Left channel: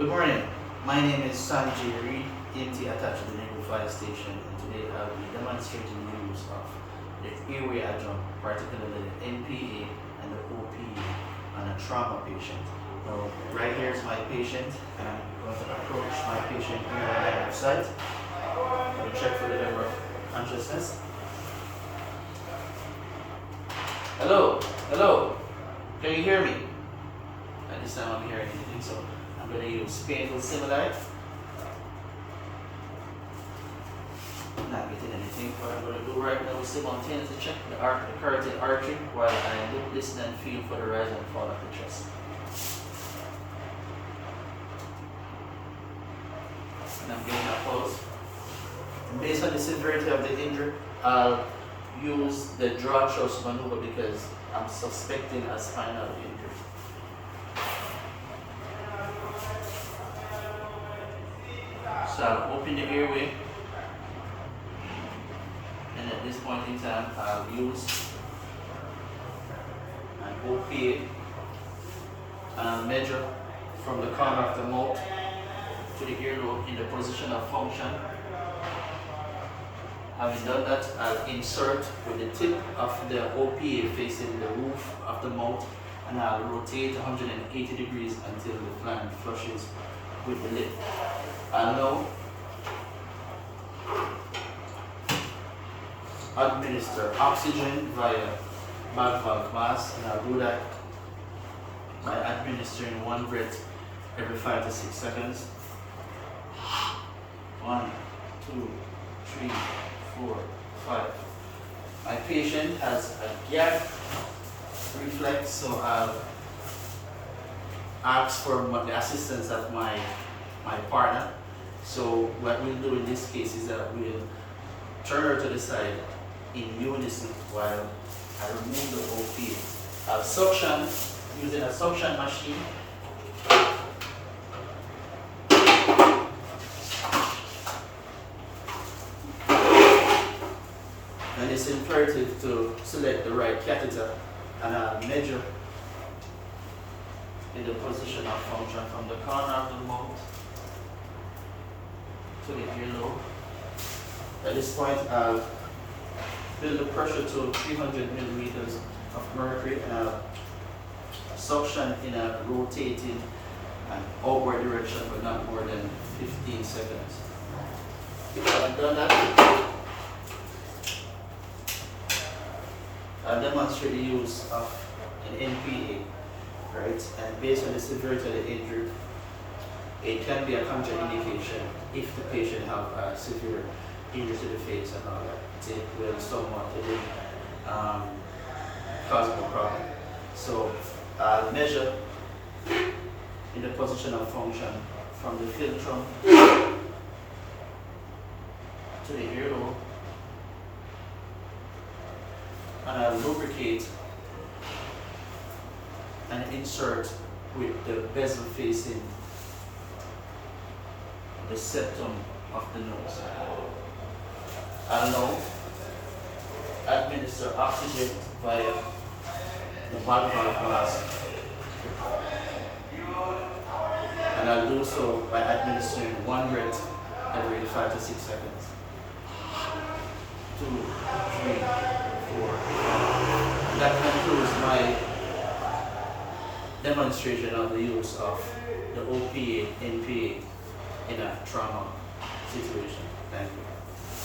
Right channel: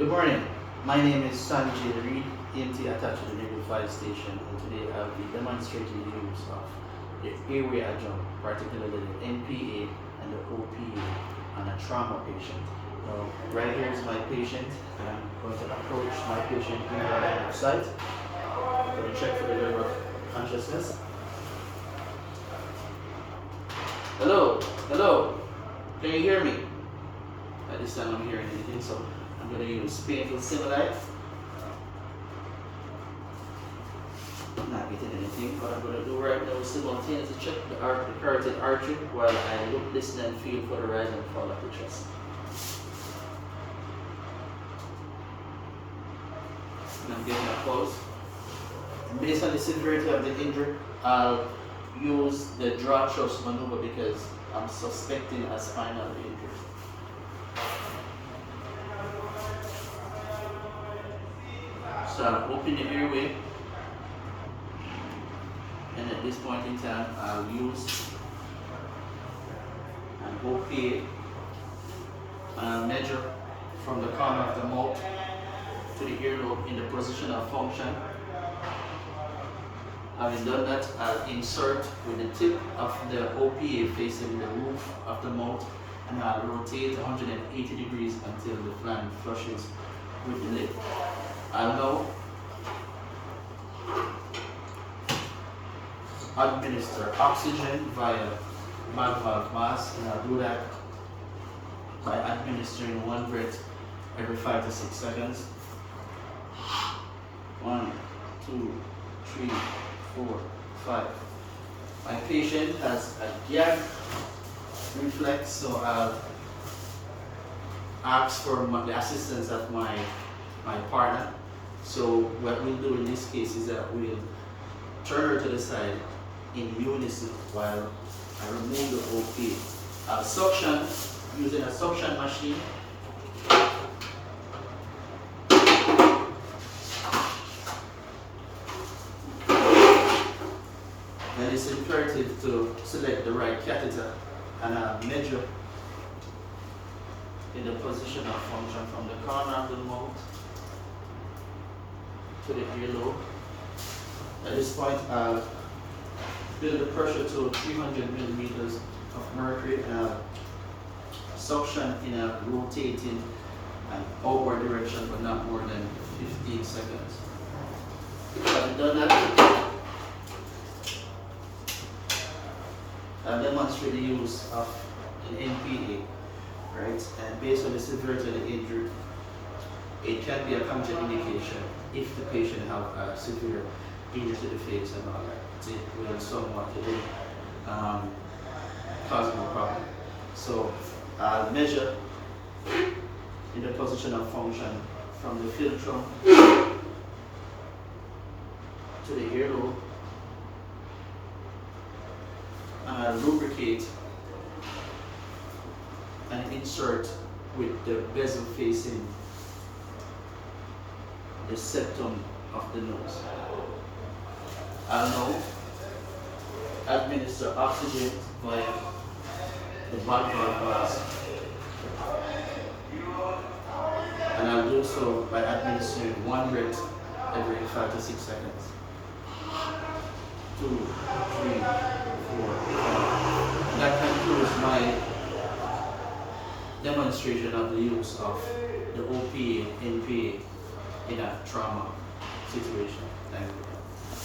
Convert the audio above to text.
Good morning. My name is Sammy J. Reed, ENT attached to the Naval Fire Station, and today I'll be demonstrating the use of the airway adjunct, particularly the NPA and the OPA on a trauma patient. Now, right here is my patient, and I'm going to approach my patient in the line of sight. I'm going to check for the level of consciousness. Hello, hello, can you hear me? At this time I'm hearing anything, so I'm going to use painful stimuli. Not getting anything. What I'm going to do right now is simultaneously check the carotid artery while I look, listen, and feel for the rise and fall of the chest. And I'm getting a pulse. And based on the severity of the injury, I'll use the draw thrust maneuver because I'm suspecting a spinal injury. So I'll open the airway, and at this point in time I'll use an OPA, and I'll measure from the corner of the mouth to the earlobe in the position of function. Having done that, I'll insert with the tip of the OPA facing the roof of the mouth, and I'll rotate 180 degrees until the flange flushes with the lip. I'll now administer oxygen via bag valve mask, and I'll do that by administering one breath every 5 to 6 seconds. 1, 2, 3, 4, 5. My patient has a gag reflex, so I'll ask for the assistance of my partner. So what we'll do in this case is that we'll turn her to the side in unison while I remove the OPA. I'll suction using a suction machine. And it's imperative to select the right catheter, and I'll measure in the position of function from the corner of the mouth to the earlobe. At this point, I'll build the pressure to 300 millimeters of mercury, and I'll suction in a rotating and outward direction for not more than 15 seconds. Having done that, I'll demonstrate the use of an NPA, right? And based on the severity of the injury, it can be a contraindication if the patient have a severe injury to the face and all that. It will somewhat cause more problem. So I'll measure in the position of function from the philtrum to the earlobe, and I'll lubricate and insert with the bezel facing the septum of the nose. I'll now administer oxygen via the bag valve mask, and I'll do so by administering one breath every 5 to 6 seconds. 2, 3, 4, 5. That concludes my demonstration of the use of the OPA, NPA in a trauma situation. Thank you.